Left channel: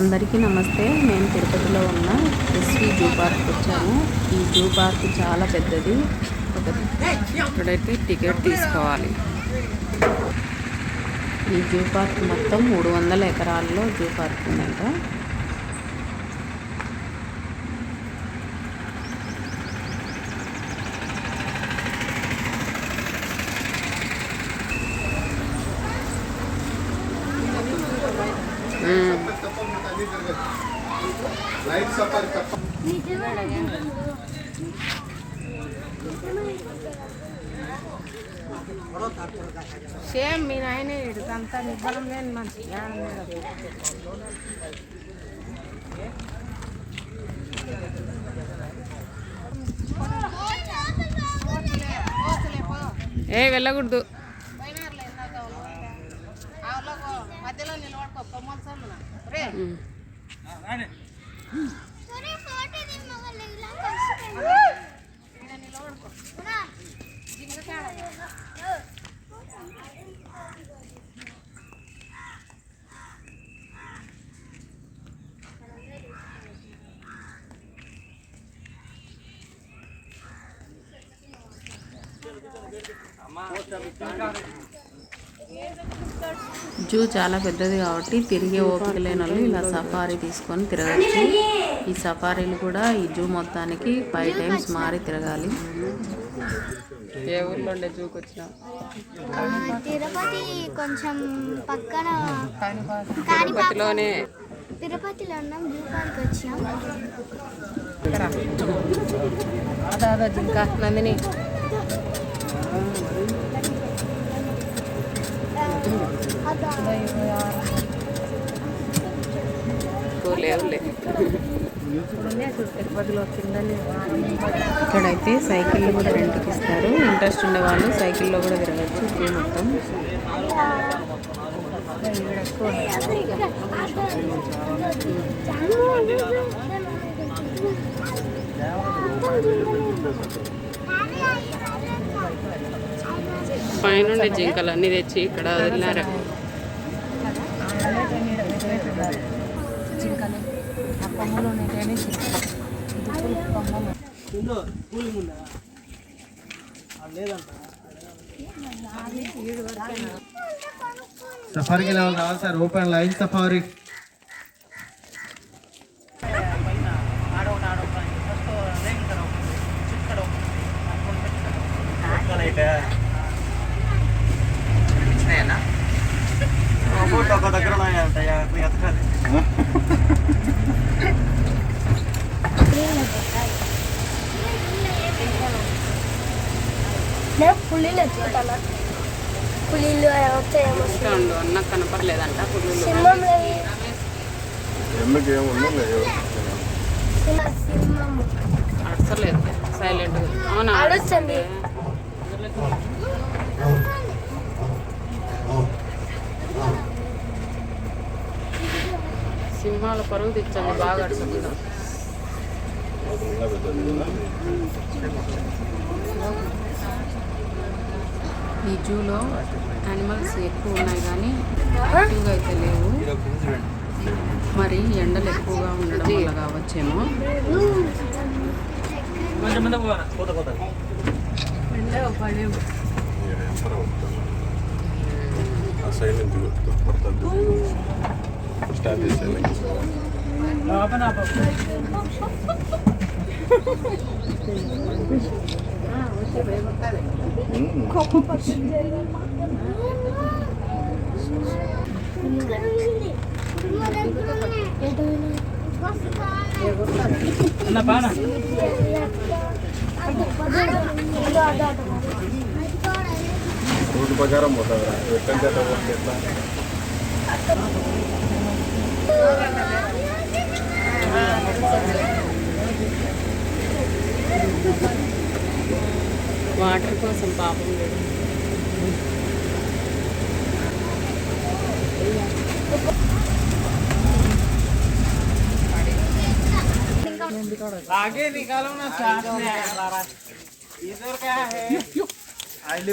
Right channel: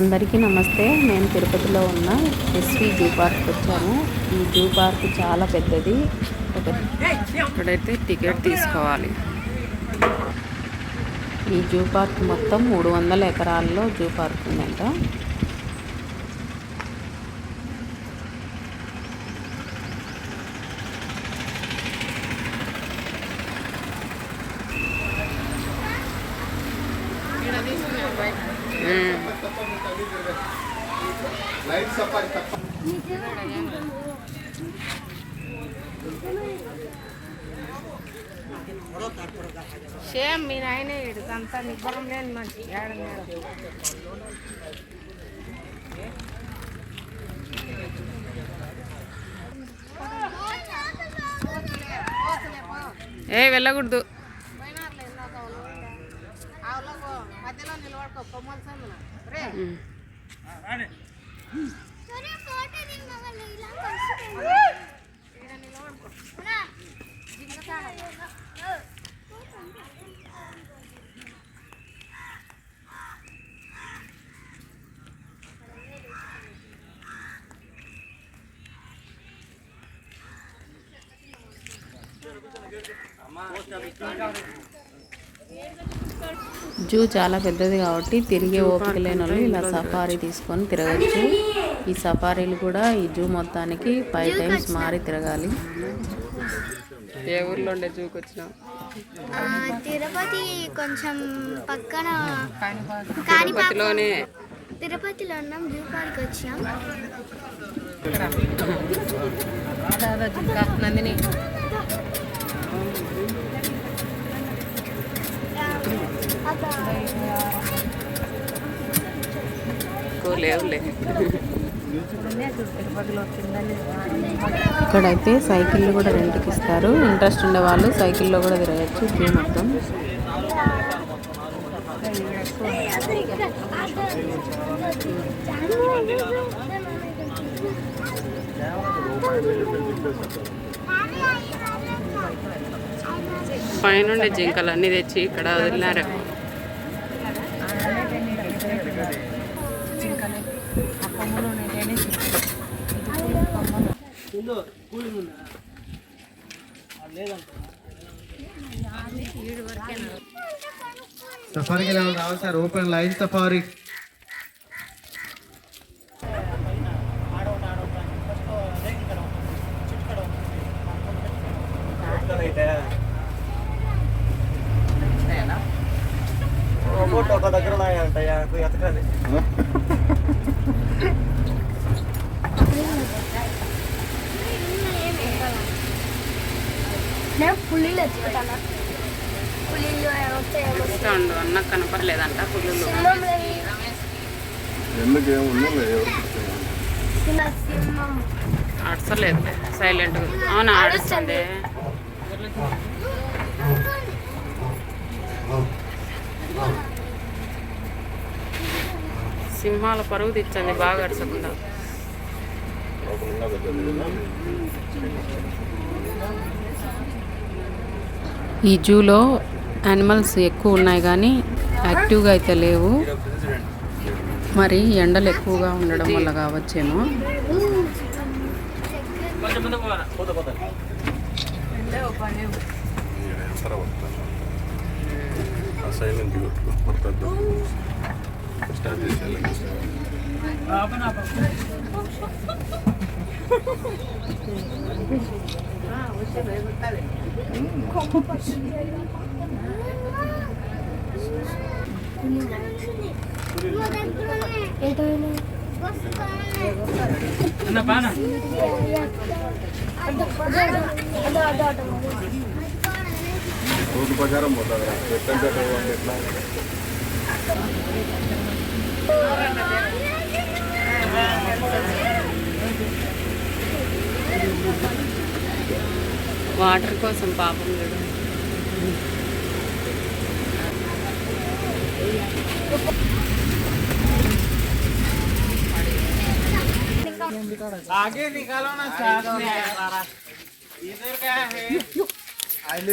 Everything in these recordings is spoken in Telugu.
అందరికీ నమస్తే. మేము తిరుపతిలో ఉన్న ఎస్వి జూ పార్క్ వచ్చాము. ఈ జూ పార్క్ చాలా పెద్దది. ఒక ఇక్కడైతే టికెట్ తీసుకోవాలి. ఈ జూ పార్క్ మొత్తం మూడు వందల ఎకరాల్లో జూ పార్క్ ఉందంట. సేమ్ మీరు ఆయన ఇదంతా నిబ్బరం లేని మంచి ఏ వెళ్ళకూడదు. జూ చాలా పెద్దది కాబట్టి తిరిగే ఓపిక లేని వాళ్ళు ఇలా సఫారీ తీసుకొని తిరగచ్చు. ఈ సఫారీలు కూడా ఈ జూ మొత్తానికి ఫైవ్ టైమ్స్ మారి తిరగాలి. ఏ ఊర్లో ఉండే జూకి వచ్చినా ఆ, తిరుపతి కొంచెం పక్కన తిరుపతిలో ఉన్నాం జూ పార్క్ వచ్చినాం. నందిని ఎక్కువ లేవులే తిరుపతిలో వచ్చిందని ఇక్కడైతే సైకిళ్ళు కూడా రెంట్కి ఇస్తారు. ఇంట్రెస్ట్ ఉండే వాళ్ళు సైకిల్లో కూడా తిరగచ్చు జూ మొత్తం. పైనుండే జింకలు అన్ని తెచ్చి ఇక్కడ వదిలినారు. ఇది పులుపు కొమ్మలు. సఫారీకి వెళ్ళే వాళ్ళు రావాలి సార్. Open lion safari. ఒక దగ్గర నేను పులిలు ఎత్తుకుంటాను పులిలు వచ్చాయి. అన్న కనపడలేదంట సింహం అడసలేదులే సైలెంట్గా అవునా ఆడుస్తుంది సింహాల పరుగు తెచ్చండి బాగా అడసకుండా ఈ జూలో యానిమల్స్ ఎక్కువ ఉన్నాయి కానీ యాక్టివ్గా అయితే లేవు. మరి ఎండలు ఎక్కువగా ఉండడం వల్ల కావచ్చేమో. సైలెంట్ స్టార్ట్ చేసేయాలి రూట్ ప్రకారం పోతుందా ఎట్టంటే ఎట్లా? వాటర్ కోసం పాపం లేదు आगे निकालो ना साथ में इधर क्या है आले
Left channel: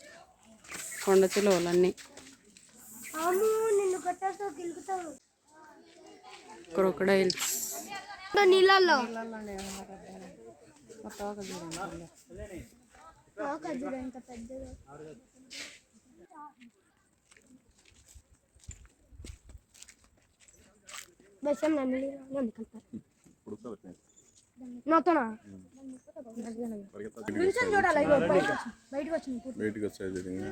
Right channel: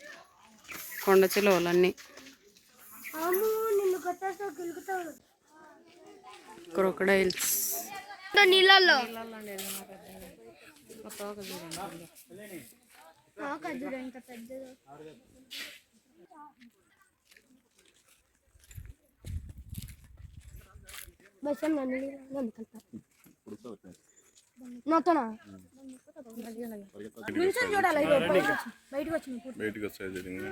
కలుపుతారు నాతోనా? చూడాలి బయటకు వచ్చింది బయటకు వచ్చాయి జరిగింది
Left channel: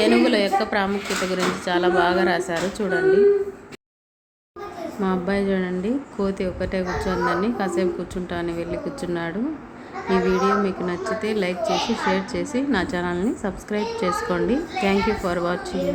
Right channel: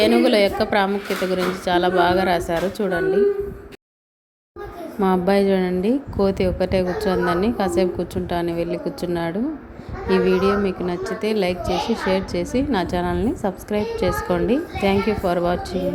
ఏనుగుల యొక్క ప్రాముఖ్యత గురించి చాలా బాగా రాశారు. చూడండి. మా అబ్బాయి చూడండి కోతి ఒకటే కూర్చోందని కాసేపు కూర్చుంటా అని వెళ్ళి కూర్చున్నాడు. ఈ వీడియో మీకు నచ్చితే లైక్ చేసి షేర్ చేసి నా ఛానల్ని సబ్స్క్రైబ్ చేసుకోండి. Thank you for watching.